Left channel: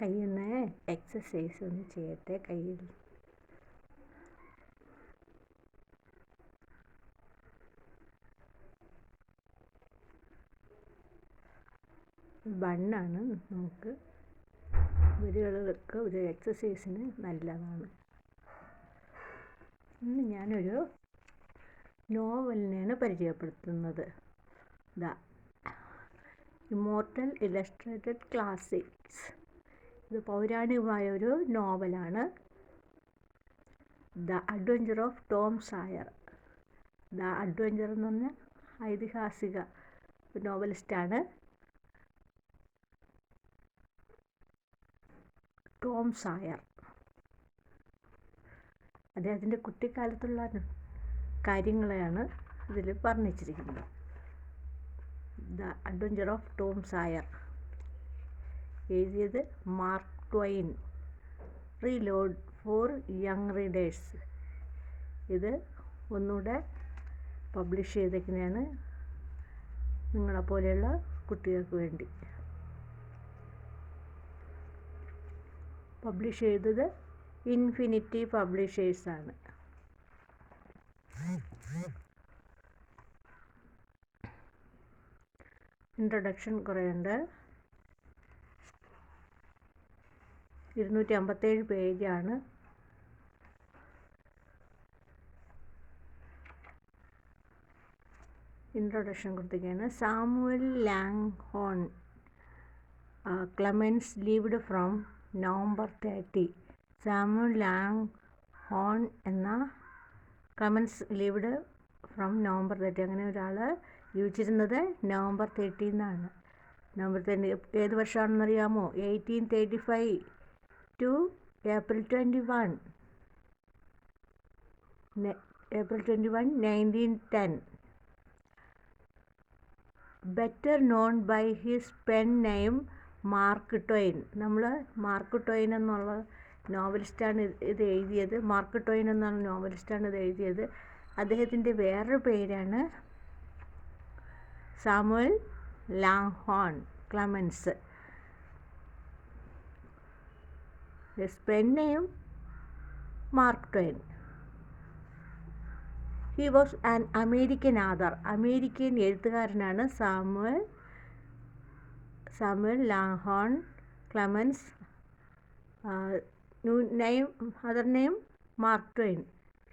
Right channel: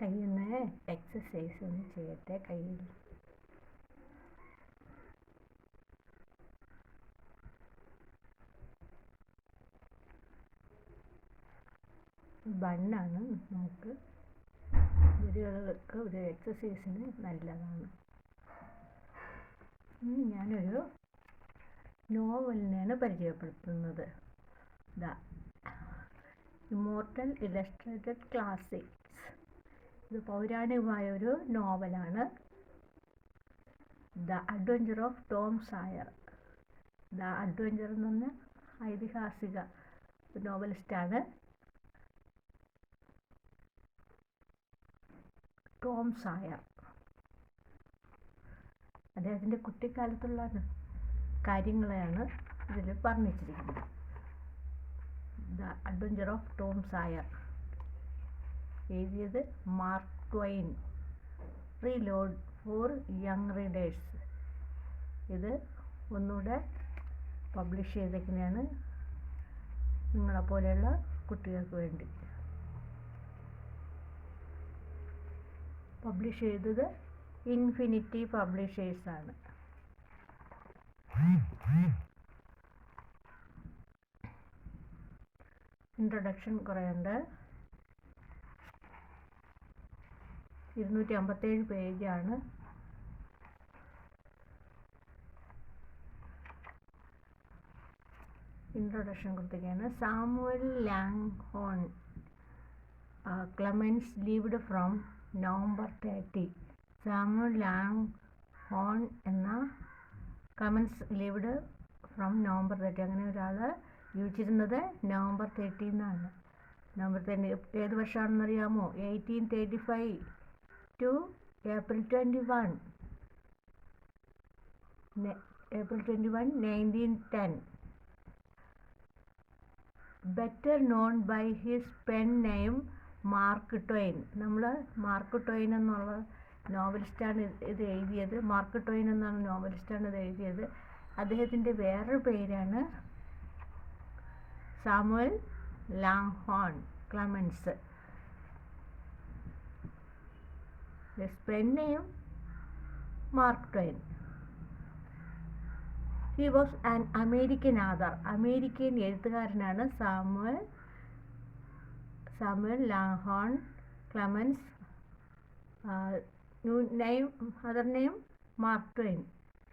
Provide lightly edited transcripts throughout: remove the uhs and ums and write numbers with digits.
കയ്യിൽ നിന്ന് എക്സസൈസ് ഒന്ന് ചെയ്യട്ടെ. കയ്യിൽ ബണ്ണാണ് നമുക്ക് വിരലുകൾക്ക് ഒരു എക്സസൈസിന് നല്ലതാണ്. ഇന്ന് ഞാനൊരു നോവലിനെയാണ് പരിചയപ്പെടുത്തുന്നത്. The immortal illustrated classics. ഇത് പൗരാണികമായ ഒരു നോവലാണ്. The adventure of Tom സായർ. The adventure എന്ന് പറഞ്ഞ ഐതിഹാസിക നോവലിസ്റ്റാണ് ടോം സായർ. അദ്ദേഹത്തിൻ്റെ കുട്ടിക്കാലത്തുള്ള കാര്യങ്ങളെയാണ് ഇതിൽ വർണ്ണിച്ചിരിക്കുന്നത്. The adventure of Tom Sawyer എഴുതിയത് Mark Twain. Retold for young readers. ഇത് ഒന്നുകൂടെ പബ്ലിഷ് ചെയ്തേക്കുന്നതാണ് നിങ്ങളെപ്പോലെയുള്ള കുട്ടികൾക്ക് വേണ്ടി. പബ്ലിഷ് ചെയ്തത് ഇൻഫിനിറ്റി പബ്ലിഷേഴ്സാണ്. ഇൻട്രൊഡക്ഷൻ കുറേയുണ്ട്. 257 പേജാണ്. ഇൻട്രൊഡക്ഷൻ കൊടുത്തിരിക്കുകയാണ്. Samuel Langhorne Clemens lived from November 30. Samuel Langhorne എന്ന ക്ലെമൻസ് ലീവ്ഡ് ഫ്രം നവംബർ 30. അങ്ങനെ ഒരാൾ ജീവിച്ചിരുന്നത് നവംബർ 30 നവംബർ 30 ഏത് വർഷമാണെന്നറിയാമോ? 1835 to April 21. April 21, 1910. Better known by his pen name mark Twain. നമ്മൾ മാർക്ക് ട്വൈൻ എന്നുള്ള നോവലിസ്റ്റാണ് ഇത് എഴുതിയത്. മാർക്ക് ട്വൈൻ എന്നുള്ള നോവലിസ്റ്റാണ് ഇത് എഴുതിയത്. അദ്ദേഹത്തിൻ്റെ വേറൊരു പേരാണ് Samuel Langhorne Clemens. His pen name Mark Twain. He was an American author. American എഴുത്തുകാരനാണ് Samuel Langhorne Clemens. Other name Mark Twain.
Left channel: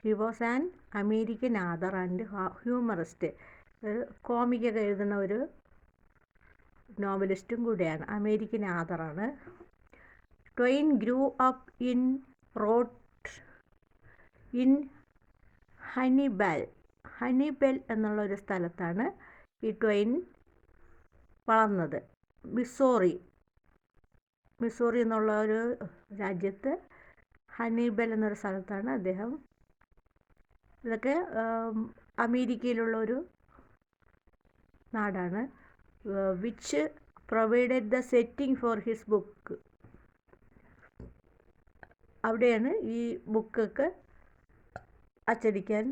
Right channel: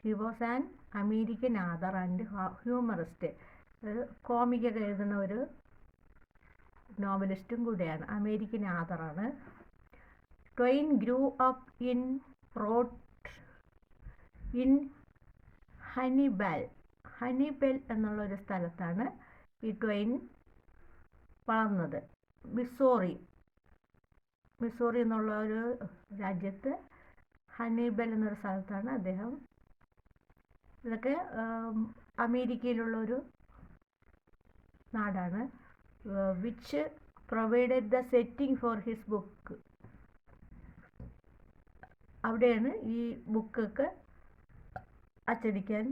He was an American author and humorist. ഒരു കോമിക്കൊക്കെ എഴുതുന്ന ഒരു നോവലിസ്റ്റും കൂടെയാണ്. അമേരിക്കൻ ആഥറാണ്. Twain grew up in Hannibal എന്നുള്ളൊരു സ്ഥലത്താണ് ഈ ട്വൈൻ വളർന്നത്. മിസോറി എന്നുള്ള ഒരു രാജ്യത്ത് ഹണിബെൽ എന്നൊരു സ്ഥലത്താണ് അദ്ദേഹം. ഇതൊക്കെ അമേരിക്കയിലുള്ള ഒരു നാടാണ്. Which provided the setting for his book. അവിടെയാണ് ഈ ബുക്കൊക്കെ അച്ചടിക്കാൻ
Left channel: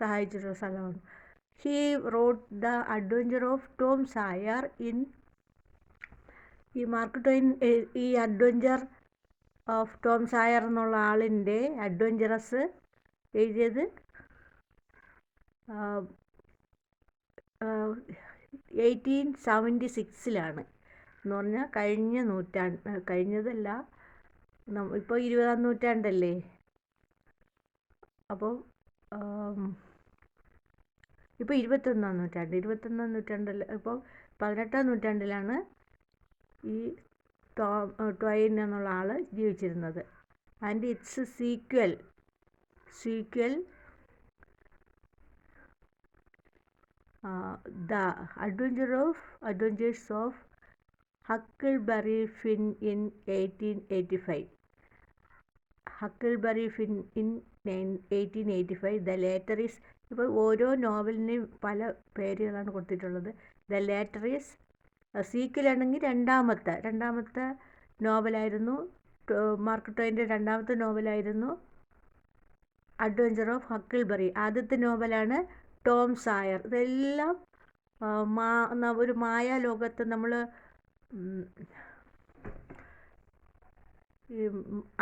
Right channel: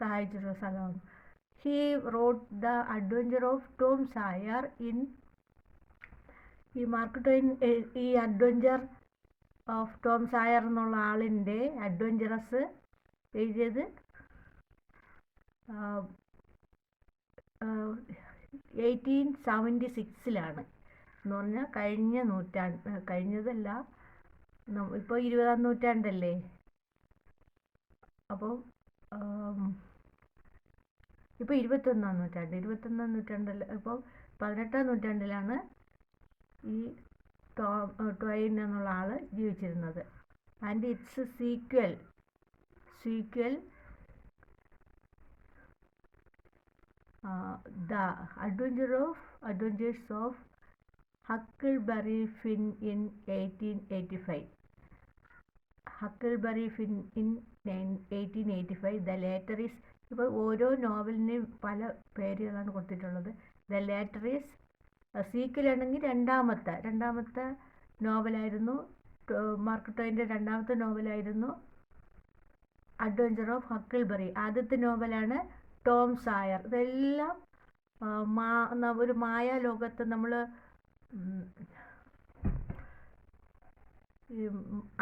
സഹായിച്ചിട്ടുള്ള സ്ഥലമാണ്. He wrote the adventure of Tom സായർ in. ഈ മാർക്ക് ട്വൈൻ ഈ അഡ്വഞ്ചർ ഓഫ് ടോം സായർ എന്നുള്ള ആളിൻ്റെ അഡ്വഞ്ചറസ് എഴുതിയത് 1876 എന്ന് പറഞ്ഞാൽ കഴിഞ്ഞതല്ല, ഇപ്പോൾ 20-ാം നൂറ്റാണ്ടല്ലേ. അപ്പോൾ ഇപ്പോൾ 21-ാം നൂറ്റാണ്ടല്ല. ഇപ്പോൾ 18-ാം നൂറ്റാണ്ടിലാണ് ഈ ട്വൈൻ എന്നുള്ള ആൾ ജീവിച്ചിരുന്നത്. And its sequel the adventures of Huckleberry Finn in 1885. Huckleberry Finn in 1885. The later is. ഇപ്പോൾ ഓരോ നോവലിനെയും പല പേരുകളാണ് കൊടുത്തിട്ടുള്ളത്. ദ ലേറ്റർ ഈസ് സീക്വലാണെങ്കിൽ രണ്ടാമത്തെ നോവലായിരുന്നു. മാർക്ക് ട്വൈൻ്റെ രണ്ടാമത്തെ നോവലായിരുന്നു അഡ്വഞ്ചർ ഓഫ് ഹക്കിൾബറി. ആദ്യത്തെ നോവലാണ് ടോം സായർ. ഇതെല്ലാം ഒരു മായാലോകത്ത് നമ്മൾ ഈ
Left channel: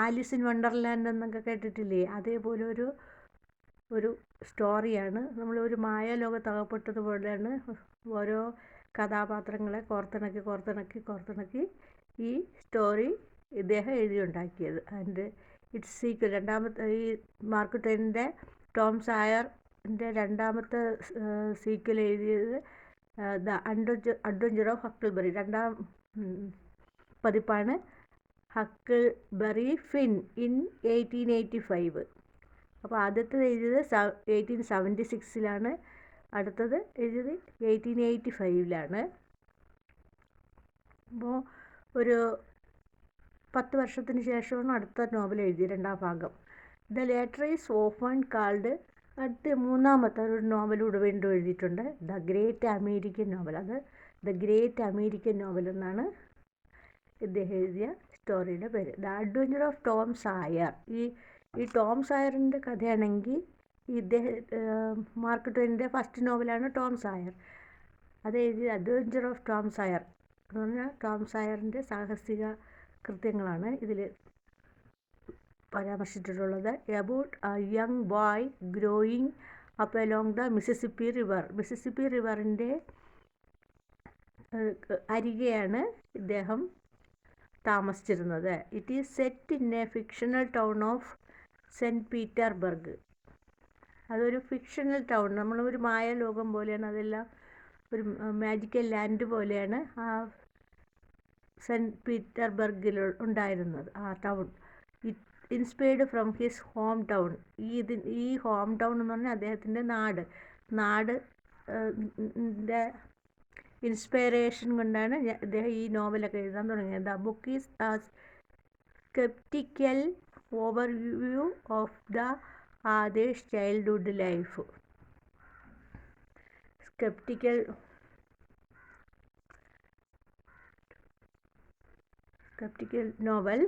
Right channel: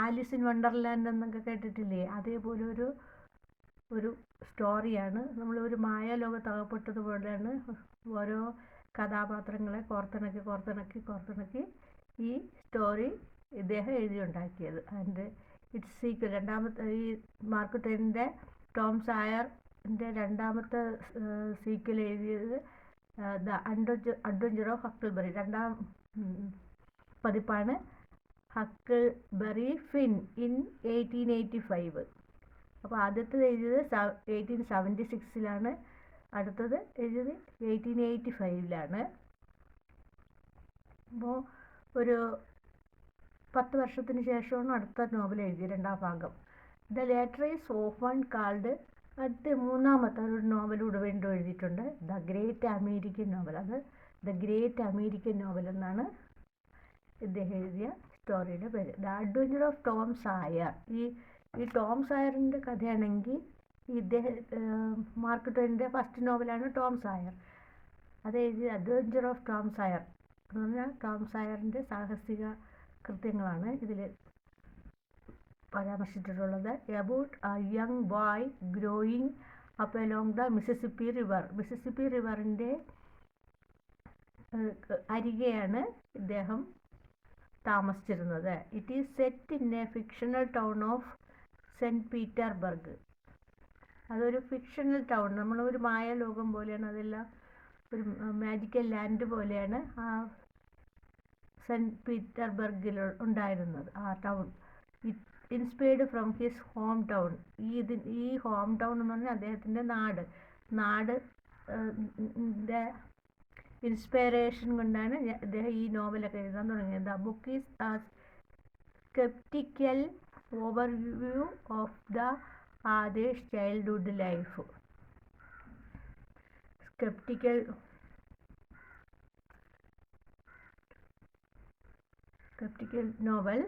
ആലീസ് ഇൻ വണ്ടർലാൻഡ് എന്നൊക്കെ കേട്ടിട്ടില്ലേ, അതേപോലെ ഒരു സ്റ്റോറിയാണ്. നമ്മളൊരു മായാലോകത്ത് അകപ്പെട്ടതുപോലെയാണ് ഓരോ കഥാപാത്രങ്ങളെ കോർത്തിണക്കി ഈ സ്റ്റോറി ഇദ്ദേഹം എഴുതിയുണ്ടാക്കിയത്. അതിൻ്റെ ഇറ്റ്സ് സീക്വൽ രണ്ടാമത്തെ ഈ മാർക്ക് ട്വെയിനിൻ്റെ ടോം സായറിൻ്റെ രണ്ടാമത്തെ സീക്വൽ എഴുതിയത് ദ അഡ്വഞ്ചർ ഓഫ് ഹക്കിൾബറി, രണ്ടാം പതിപ്പാണ് ഹക്കിൾബറി ഫിൻ ഇൻ 1885. അപ്പോൾ ആദ്യത്തേത് എഴുതിയത് 1876 അടുത്തത് എഴുതിയത് 1885. അപ്പോൾ ഒരു 10 വർഷത്തിന് ശേഷമാണ് അടുത്ത നോവൽ എഴുതിയത്, രണ്ടാം ഭാഗം. The letter is often called. അടുത്ത മൂന്നാമത്തെ ഒരു നോവലൂടെ വീണ്ടും എഴുതിയിട്ടുണ്ട്, ദ ഗ്രേറ്റ് അമേരിക്കൻ നോവൽ. അത് ദ ഗ്രേറ്റ് അമേരിക്കൻ നോവൽ എന്നാണ് ഇദ്ദേഹം എഴുതിയ സ്റ്റോറിയുടെ പേര്. The adventure of Tom സായർ. ഈ ടോം സായറിൻ്റെ കഥയാണെങ്കിൽ മാർക്ക് ട്വെയിനിൻ്റെ ഫസ്റ്റ് നോവലാണ് ടോം സായർ. അത് എഴുതിയ അഡ്വഞ്ചർ ഓഫ് ടോം സായർ എന്ന് പറഞ്ഞാൽ ടോം സായറിൻ്റെ സാഹസിക കൃത്യങ്ങളാണ് ഇതിൽ പരാമർശിച്ചിട്ടുള്ളത്. About a young boy growing up along the Mississippi river. Mississippi റിവറിൻ്റെ അരികെയാണ് ഇദ്ദേഹം താമസിച്ചിരുന്നത്. It is set in a fictional town of Saint Petersburg. അതൊരു ഫിക്ഷണൽ ടൗൺ, നമ്മളൊരു മായാലോകം പോലെയാണ്, അതെല്ലാം ഒരു മാജിക്കൽ ലാൻഡ് പോലെയാണ് ആ സെൻറ്റ് പീറ്റർബർഗിൽ ഉണ്ടായിരുന്നത് ആ town. Inspired from his home town. ഈ ഹോം ടൗൺ എന്ന് പറഞ്ഞാൽ അദ്ദേഹത്തിൻ്റെ നാട് ഇൻസ്പിറേഷൻ കൊണ്ടാണ് അദ്ദേഹം ഈ നോവലൊക്കെ എഴുതാൻ തുടങ്ങിയത്. The book is a sceptical overview of the author's childhood life. Sceptical novel.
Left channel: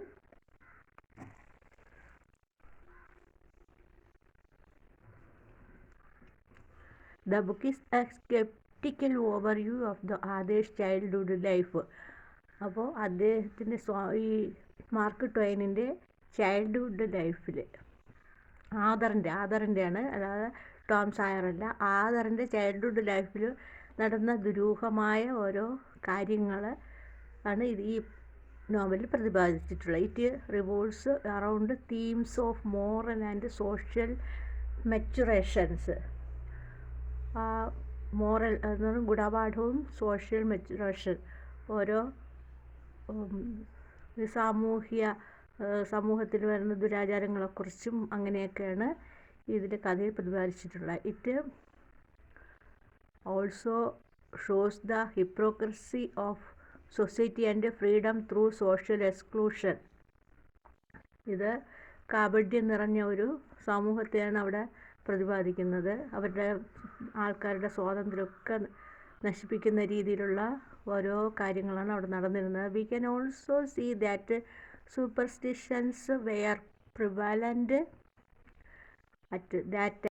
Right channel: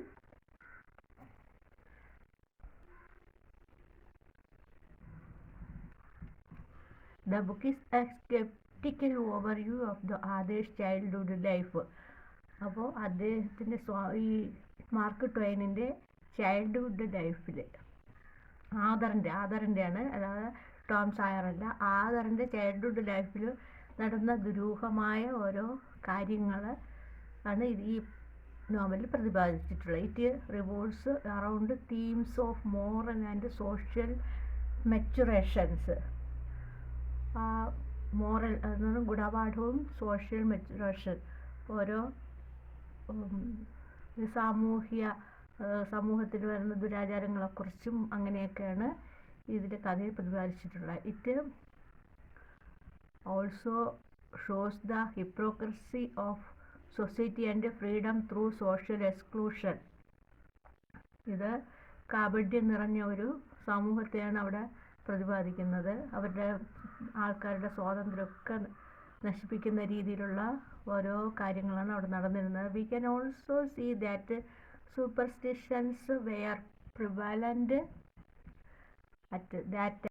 The book is a sceptical overview of the author's childhood life. അപ്പോൾ അദ്ദേഹത്തിൻ്റെ ഈ മാർക്ക് ട്വെയിനിൻ്റെ ചൈൽഡ്ഹുഡ് ലൈഫിൽ ആദറിൻ്റെയാണ്, അതായത് ടോം സായറല്ല, ആദറിൻ്റെ ചൈൽഡ്ഹുഡ് ലൈഫിൽ നടന്ന ദുരൂഹമായ ഓരോ കാര്യങ്ങൾ ആണ് ഈ നോവലിൽ പ്രതിപാദിച്ചിട്ടുള്ളത്. It revolves around themes of moral and social maturations. Moral എന്നത് ഗുണപാഠവും സോഷ്യൽ മെച്ചുറേഷൻ, ഓരോ സമൂഹത്തിൽ വരുന്ന ദുരാചാരങ്ങളെക്കുറിച്ചും അങ്ങനെയൊക്കെയാണ് ഇതിൽ കഥയിൽ പ്രതിപാദിച്ചിട്ടുള്ളത്. It also shows the hypocrisy of society and freedom through social exclusion. ഇത് കാപട്യം നിറഞ്ഞ ഒരു സമൂഹത്തെയാണ് അവിടെ പ്രതിപാദിക്കുന്നത്. അവരുടെ ആൾക്കാരുടെ സ്വാതന്ത്ര്യമൊക്കെ നശിപ്പിക്കുന്ന രീതിയിലുള്ള ഓരോ കാര്യങ്ങളാണ് അവിടെ നടന്നിരുന്നത്. We can also see that superstitions were prevalent at that